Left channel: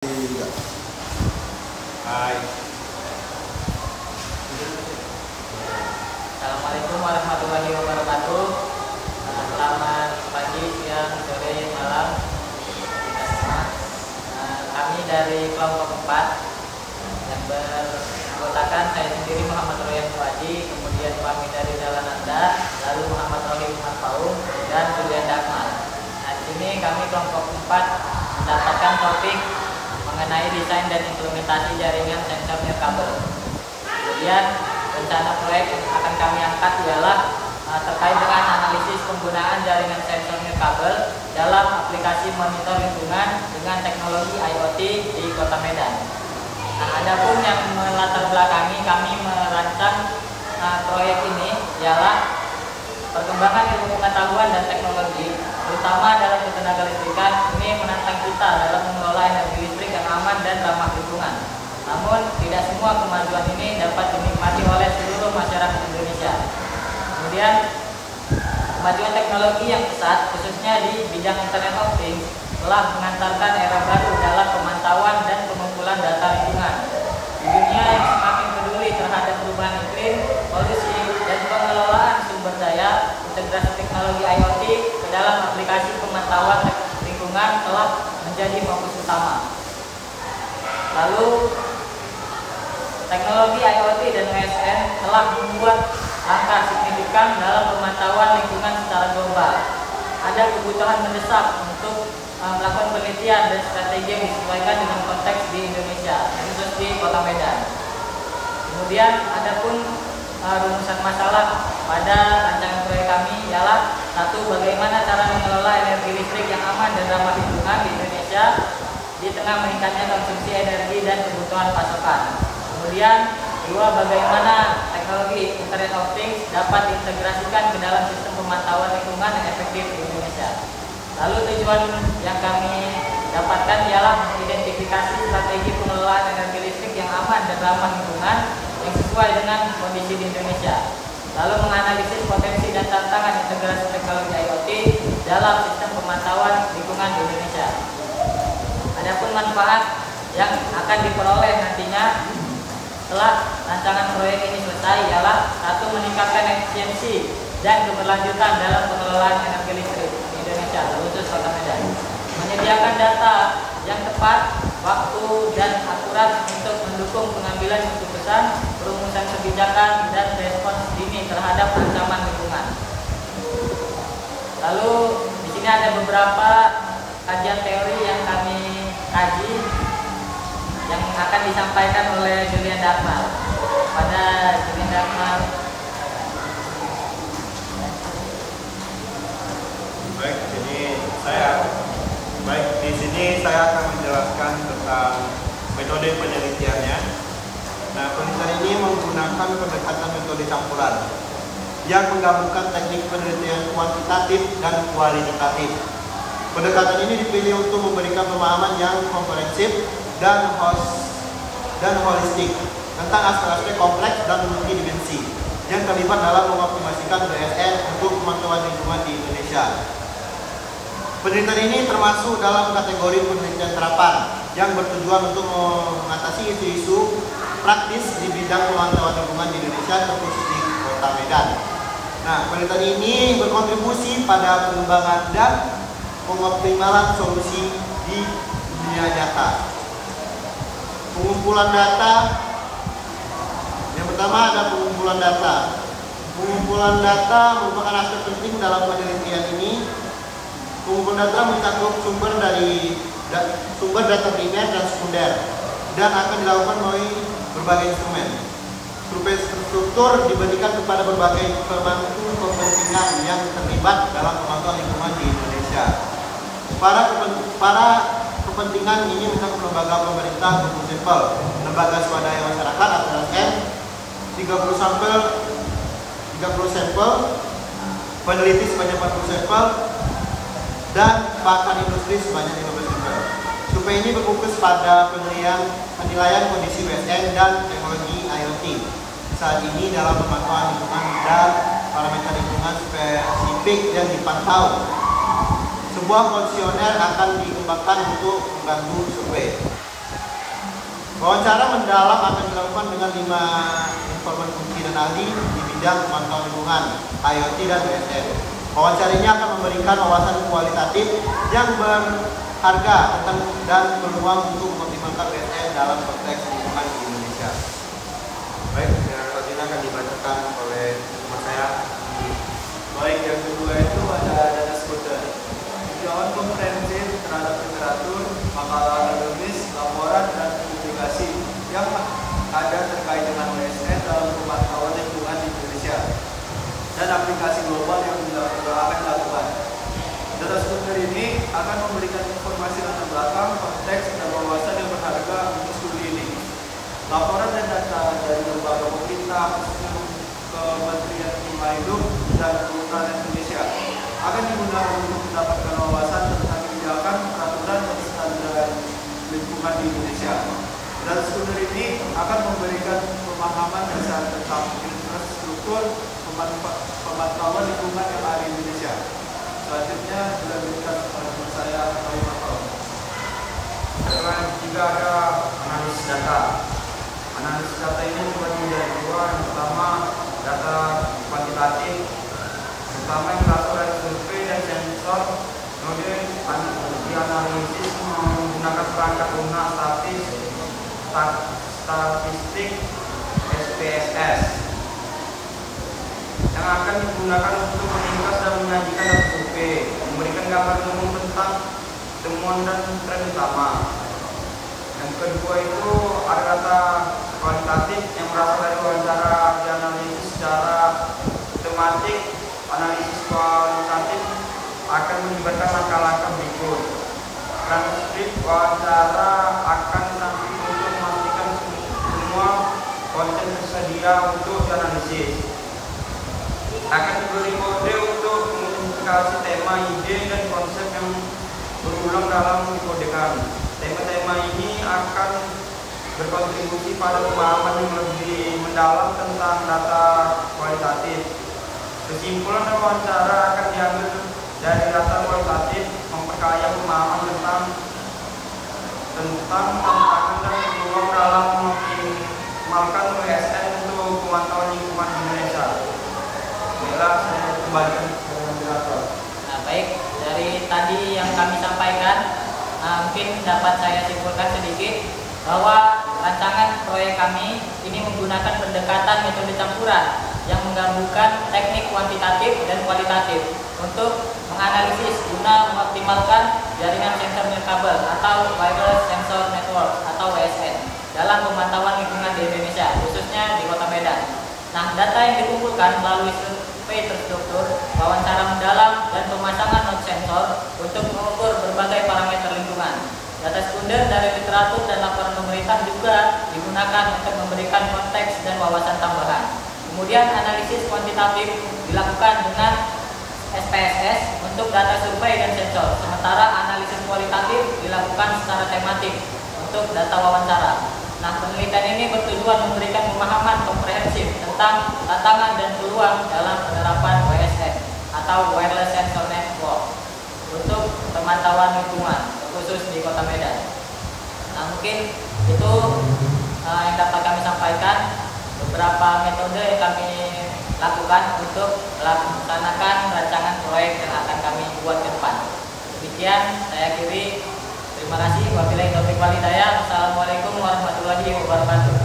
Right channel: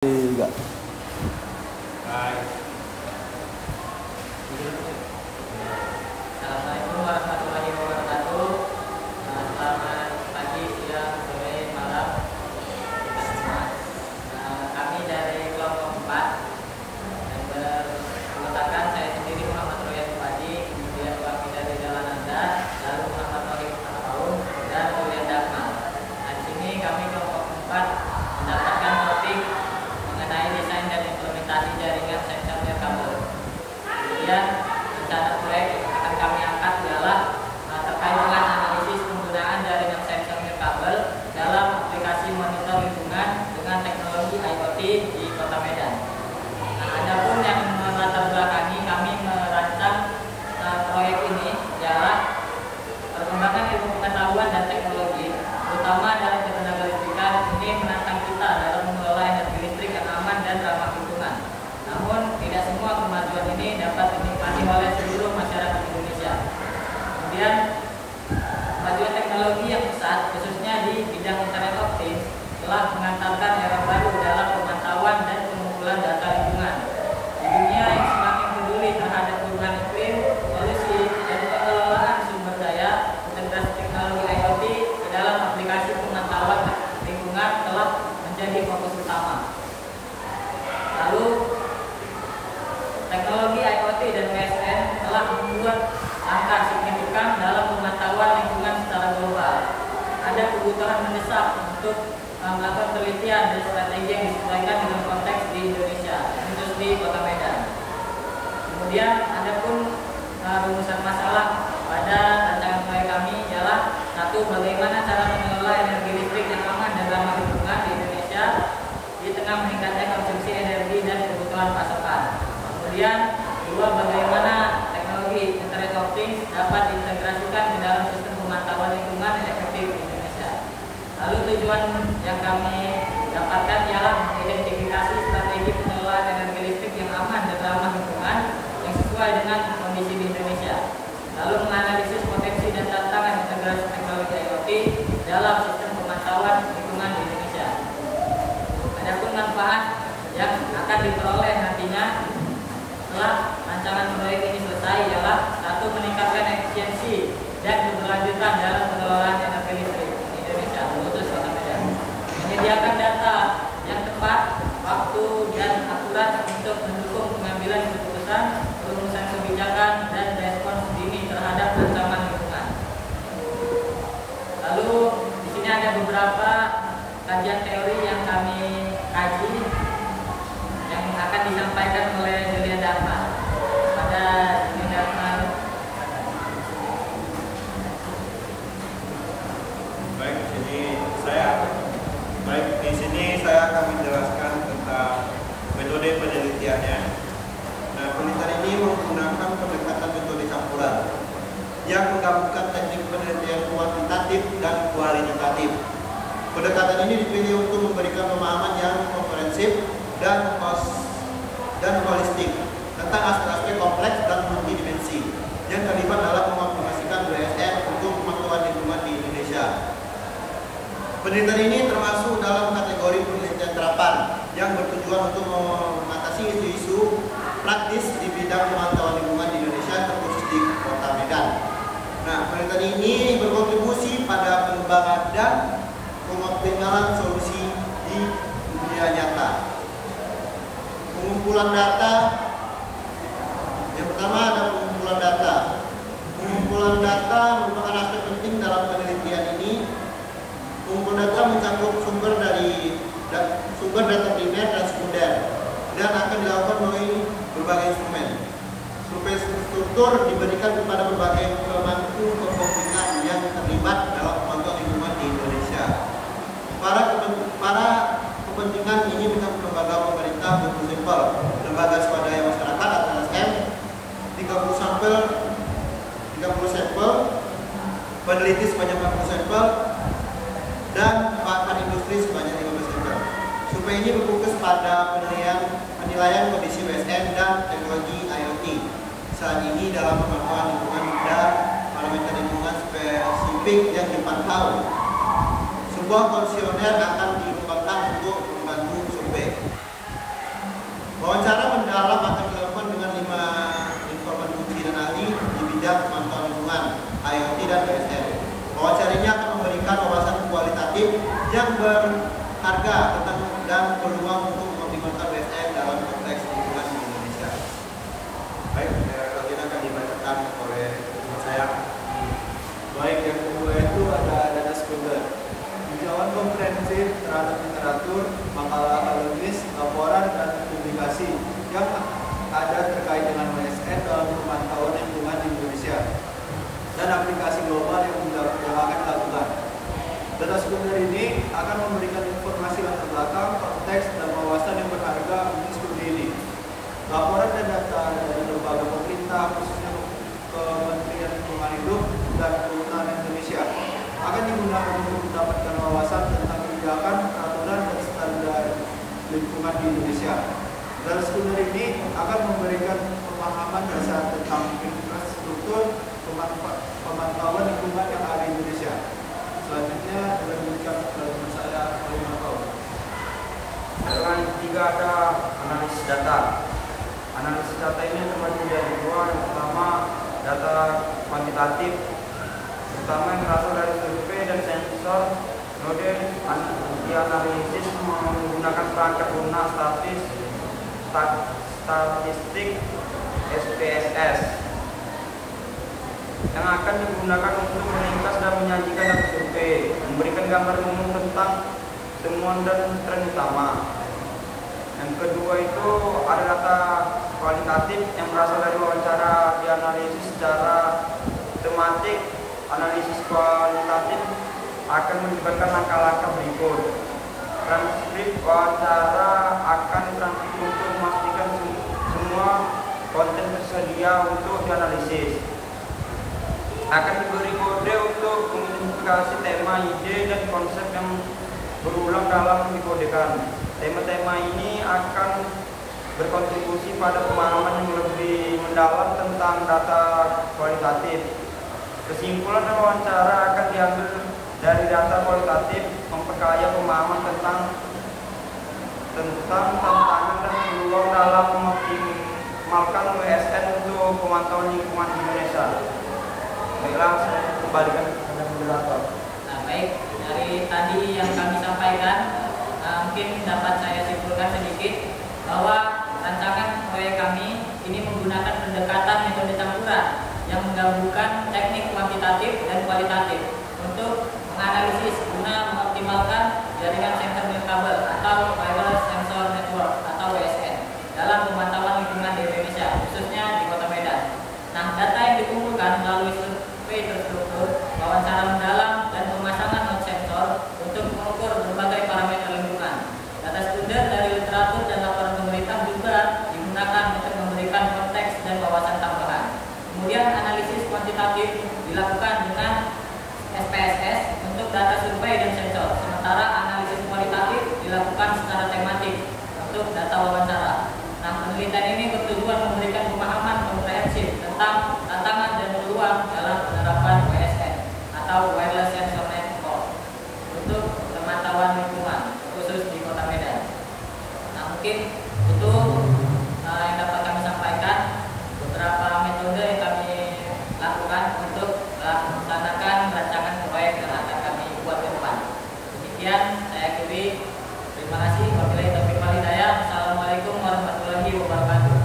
juga. Hai. Assalamualaikum warahmatullahi wabarakatuh. Selamat pagi, siang, sore, malam. Kami dari kelompok 4 yang beranggotakan saya sendiri Muhammad Royan Waji, kemudian kami dari Jalan Anda, lalu Muhammad Rohim Al-Faum dan Julian Akmal. Di sini kami kelompok 4 mendapatkan topik mengenai desain dan implementasi jaringan sensor nirkabel. Kemudian rencana proyek yang akan kami angkat ialah terkait dengan analisis penggunaan jaringan sensor nirkabel dalam aplikasi monitor lingkungan dengan teknologi IoT di Kota Medan. Adapun yang melatar belakangi kami merancang proyek ini ialah perkembangan ilmu pengetahuan dan teknologi, terutama dalam ketenaga listrikan, ini menantang kita dalam mengelola energi listrik yang aman dan ramah lingkungan. Namun, tidak semua kemajuan ini dapat dinikmati oleh seluruh masyarakat Indonesia. Kemudian, kemajuan teknologi yang pesat, khususnya di bidang internet of things, telah mengantarkan era baru dalam pemantauan dan pengumpulan data lingkungan. Di dunia yang semakin peduli terhadap perubahan iklim, polusi, dan pengelolaan sumber daya, integrasi teknologi IoT ke dalam aplikasi pemantauan lingkungan telah menjadi fokus utama. Lalu, teknologi IoT dan OSN telah membuat langkah signifikan dalam pemantauan lingkungan secara global. Ada kebutuhan mendesak untuk melakukan penelitian dan strategi yang disesuaikan dengan konteks di Indonesia, khusus di Kota Medan. Kemudian, adapun rumusan masalah pada rancangan proyek kami ialah: 1. Bagaimana cara mengelola energi listrik yang aman dan ramah lingkungan di Indonesia di tengah meningkatnya konsumsi energi dan kebutuhan pasokan. Kemudian, 2. Bagaimana teknologi Internet of Things dapat diintegrasikan ke dalam sistem pemantauan lingkungan yang efektif di Indonesia. Lalu tujuan yang kami dapatkan ialah mengidentifikasi strategi pengelolaan energi listrik yang aman dan ramah lingkungan yang sesuai dengan kondisi di Indonesia. Lalu menganalisis potensi dan tantangan integrasi teknologi IoT dalam sistem pemantauan lingkungan di Indonesia. Adapun manfaat yang akan diperoleh nantinya setelah rancangan proyek ini selesai ialah: 1. Meningkatkan efisiensi dan keberlanjutan dalam pengelolaan energi listrik di Indonesia, khusus Kota Medan. Menyediakan data yang tepat, waktu, dan akurat untuk mendukung pengambilan keputusan, perumusan kebijakan, dan respons dini terhadap ancaman lingkungan. Lalu di sini ada beberapa kajian teori yang kami kaji yang akan disampaikan oleh Julian Akmal. Pada Julian Akmal. Baik, di sini saya akan menjelaskan tentang metode penelitiannya. Nah, penelitian ini menggunakan pendekatan metode campuran yang menggabungkan teknik penelitian kuantitatif dan kualitatif. Pendekatan ini dipilih untuk memberikan pemahaman yang komprehensif dan holistik tentang aspek-aspek kompleks dan multidimensi yang terlibat dalam mengoptimasikan BSN untuk pemantauan lingkungan di Indonesia. Penelitian ini termasuk dalam kategori penelitian terapan yang bertujuan untuk mengatasi isu-isu praktis di bidang pemantauan lingkungan di Indonesia, terkhusus di Kota Medan. Nah, penelitian ini berkontribusi pada pengembangan dan pengoptimalan solusi di dunia nyata. Pengumpulan data. Yang pertama ada pengumpulan data. Pengumpulan data merupakan aspek penting dalam penelitian ini. Pengumpulan data mencakup sumber data primer dan sekunder dan akan dilakukan melalui berbagai instrumen. Survei struktur diberikan kepada berbagai pemangku kepentingan yang terlibat dalam pemantauan lingkungan di Indonesia. Para kepentingan ini mencakup lembaga pemerintah untuk sampel, lembaga swadaya masyarakat atau LSM, 30 sampel, peneliti sebanyak 40 sampel, dan pakar industri sebanyak 15 sampel. Survei ini berfokus pada penilaian kondisi BSN dan teknologi IoT saat ini dalam pemantauan lingkungan dan parameter lingkungan spesifik yang dipantau. Sebuah kuesioner akan dikembangkan untuk membantu survei. Wawancara mendalam akan dilakukan dengan 5 informan kunci dan ahli di bidang pemantauan lingkungan, IoT dan WSN. Wawancara ini akan memberikan wawasan kualitatif yang berharga tentang dan berpeluang untuk mengoptimalkan WSN dalam konteks lingkungan di Indonesia. Baik, kalau ini akan dibacakan oleh teman saya. Baik, yang kedua itu ada data skuter. Tinjauan komprehensif terhadap literatur, makalah akademis, laporan, dan publikasi yang ada terkait dengan WSN dalam pemantauan lingkungan di Indonesia dan aplikasi global yang akan dilakukan. Data skuter ini akan memberikan informasi latar belakang, konteks, dan wawasan yang berharga untuk studi ini. Laporan dan data dari lembaga pemerintah, khususnya Kementerian Lingkungan Hidup dan Kehutanan Indonesia, akan digunakan untuk mendapatkan wawasan tentang kebijakan, peraturan, dan standar lingkungan di Indonesia. Data skuter ini akan memberikan pemahaman dasar tentang infrastruktur pemantauan lingkungan yang ada di Indonesia. Selanjutnya dilanjutkan oleh teman saya, Bayu Matau. Yang ketiga ada analisis data. Analisis data ini terbagi dari 2. Yang pertama data kuantitatif, terutama yang berasal dari survei dan sensor. Kemudian analisis menggunakan perangkat lunak statistik SPSS yang akan digunakan untuk meringkas dan menyajikan data survei, memberikan gambar umum tentang temuan dan tren utama. Yang kedua itu ada data kualitatif yang berasal dari wawancara dianalisis secara tematik. Analisis kualitatif akan melibatkan langkah-langkah berikut. Transkrip wawancara akan dirancang untuk memastikan semua konten tersedia untuk dianalisis. Akan diberi kode untuk mengidentifikasi tema, ide, dan konsep yang berulang dalam dikodekan. Tema-tema ini akan berkontribusi pada pemahaman yang lebih mendalam tentang data kualitatif. Kesimpulan wawancara akan diambil dari data kualitatif, memperkaya pemahaman tentang tantangan dan peluang dalam memaksimalkan WSN untuk pemantauan lingkungan di Indonesia. Baiklah, saya kembalikan kepada moderator. Nah, baik, dari tadi yang kami sampaikan, mungkin dapat saya simpulkan sedikit bahwa rancangan proyek kami ini menggunakan pendekatan metode campuran yang menggabungkan teknik kuantitatif dan kualitatif untuk menganalisis guna mengoptimalkan jaringan sensor nirkabel atau wireless sensor network atau WSN dalam pemantauan lingkungan di Indonesia, khususnya di Kota Medan. Nah, data yang dikumpulkan melalui survei terstruktur, wawancara mendalam, dan pemasangan node sensor untuk mengukur berbagai parameter lingkungan. Data sekunder dari literatur dan laporan pemerintah juga digunakan untuk memberikan konteks dan wawasan tambahan. Kemudian analisis kuantitatif dilakukan dengan SPSS untuk data survei dan sensor, sementara analisis kualitatif dilakukan secara tematik untuk data wawancara. Nah, penelitian ini bertujuan memberikan pemahaman komprehensif tentang tantangan dan peluang dalam penerapan WSN atau Wireless Sensor Network untuk pemantauan lingkungan, khusus di Kota Medan. Nah, mungkin itu yang dapat kami sampaikan, beberapa metode yang kami lakukan untuk melaksanakan rancangan proyek yang akan kami buat ke depan. Demikian, saya akhiri. Terima kasih. Wabillahi taufiq wal hidayah. Assalamualaikum warahmatullahi wabarakatuh.